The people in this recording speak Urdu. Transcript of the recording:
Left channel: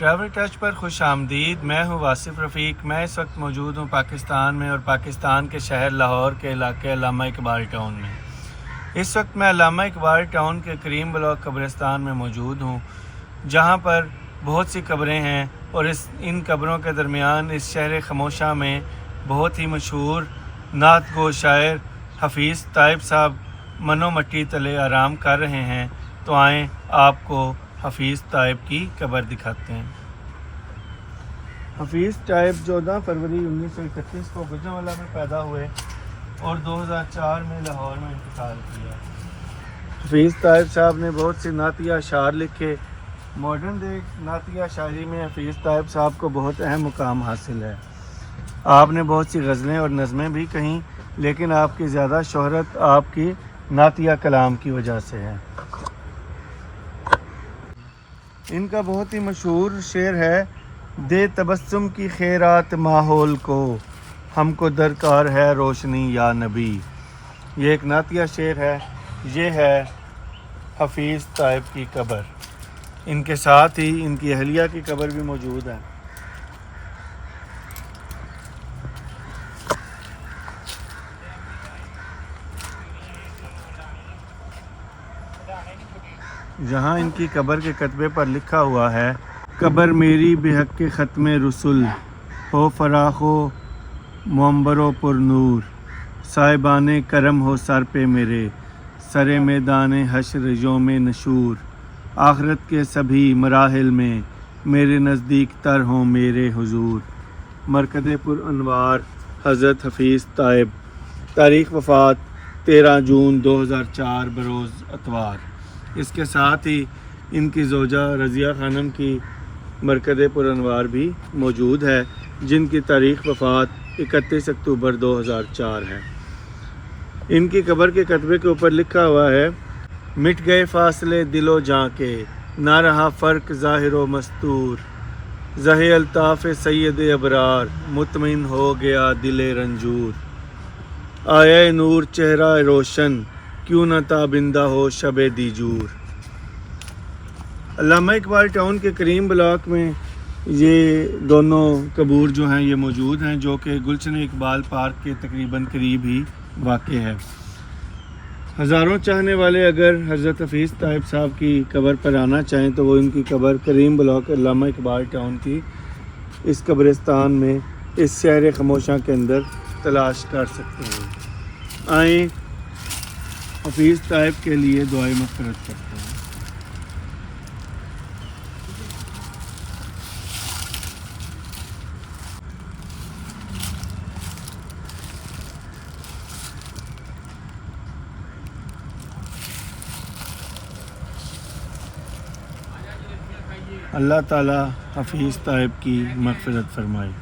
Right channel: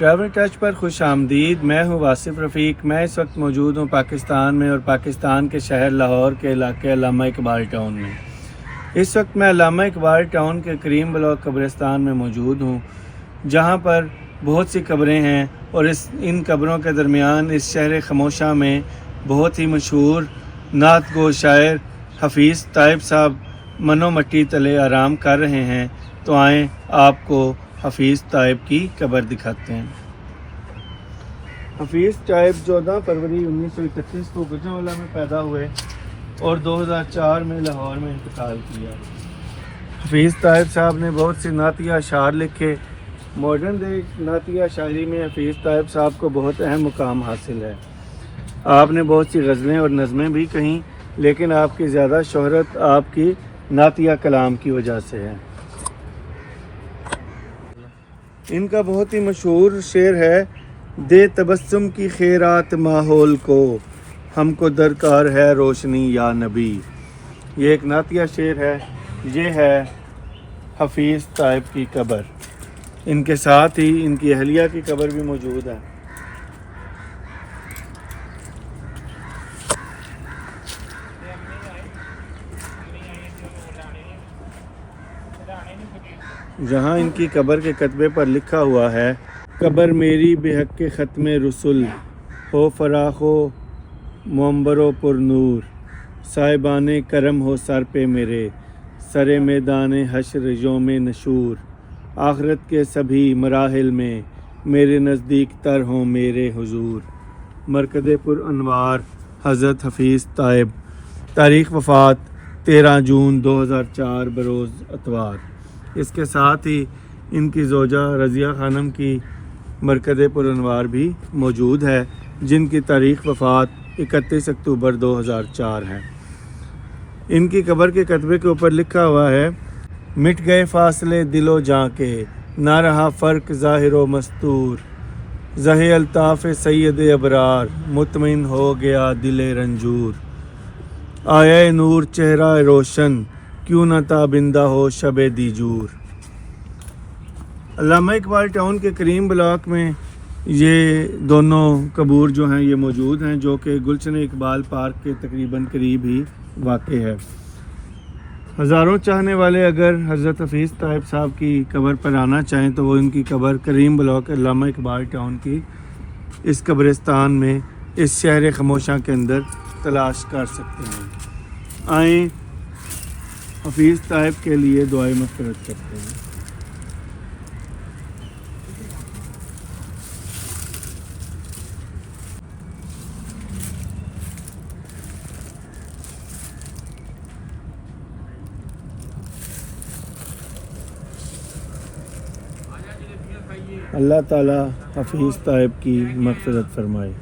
ٹریول ٹچ پر خوش آمدید۔ میں ہوں واصف رفیق۔ میں اس وقت موجود ہوں پاکستان میں، اور پاکستان کے شہر لاہور کے علاقے علامہ اقبال ٹاؤن میں۔ اس وقت میں علامہ اقبال ٹاؤن کے کریم بلاک قبرستان میں موجود ہوں، جہاں پر بہت سی قبریں ہیں، اور ان قبروں کے درمیان اس شہر خموشہ میں بہت ہی مشہور نعت گو شاعر حفیظ طیب صاحب منو مٹی تلے آرام کر رہے ہیں۔ تو آئیں آپ کو حفیظ طیب کی قبر دکھاتے ہیں۔ حفیظ طیب 14 فروری 1931 کو گوجرانوالہ میں پیدا ہوئے اور 2004 میں لاہور میں انتقال کیا۔ حفیظ طیب صاحب نے بہت سے نعتیہ اشعار لکھے۔ ماڈرن ڈے نعتیہ شاعری میں حفیظ طیب صاحب کو بہت اہم مقام حاصل ہے۔ آپ نے بہت سی غزلیں اور نظمیں بھی کہیں، لیکن آپ کی زیادہ شہرت آپ کی نعتیہ کلام کی وجہ سے ہے۔ ان کا بہت ہی مشہور شعر ہے، دے تبسم کی خیرات ماحول کو، ہم کو درکار ہے روشنی یا نبی۔ یہ ایک نعتیہ شعر ہے۔ یہ ہے حفیظ طیب کی قبر۔ ان کے ساتھ ہی ان کی اہلیہ کی قبر بھی موجود ہے۔ جہاں ان کی قبر کے کتبے پر لکھا ہوا ہے، قبر میری بے حق کے ختم رسول، ہو فراخ و منبر و پر نور، صاحبان کرم ہو سر پہ میرے، سر میدان حشر یوم نشور، آخرت کے سبھی مراحل میں میرے نزدیک تر ہوں میرے حضور۔ مرکز پر انوار حضرت حفیظ طیب۔ تاریخ وفات 13 جون 2004 بروز اتوار۔ اس کے ساتھ ہی ان کی زوجہ رضیہ خانم کی مرکز پر انوار بھی موجود ہے، جن کی تاریخ وفات 31 اکتوبر 2004 ہے۔ ان کی قبر کے کتبے کے اوپر لکھا ہوا ہے، مٹ گئے فاصلے دل و جاں کے، نہ رہا فرق ظاہر و مستور، زہ الطاف سید ابرار، مطمئن ہو گیا دل رنجور، آیا نور چہرہ روشن، کیوں نہ تابندہ ہو شب دیجور۔ علامہ اقبال ٹاؤن کے کریم بلاک میں یہ دونوں قبور جو ہیں یہ موجود ہیں، جو کہ گلشن اقبال پارک کے تقریباً قریب ہی واقع ہے۔ ہزاروں چاہنے والے اگر حضرت حفیظ طیب صاحب کی قبر پر آنا چاہیں تو وہ ان کی قبر کریم بلاک علامہ اقبال ٹاؤن کی اس قبرستان میں اس شہر خموشہ کے اندر تلاش کر سکتے ہیں۔ آئیں حفیظ طیب کے لیے دعائے مغفرت کرتے ہیں۔ اللہ تعالیٰ حفیظ طیب کی مغفرت فرمائے۔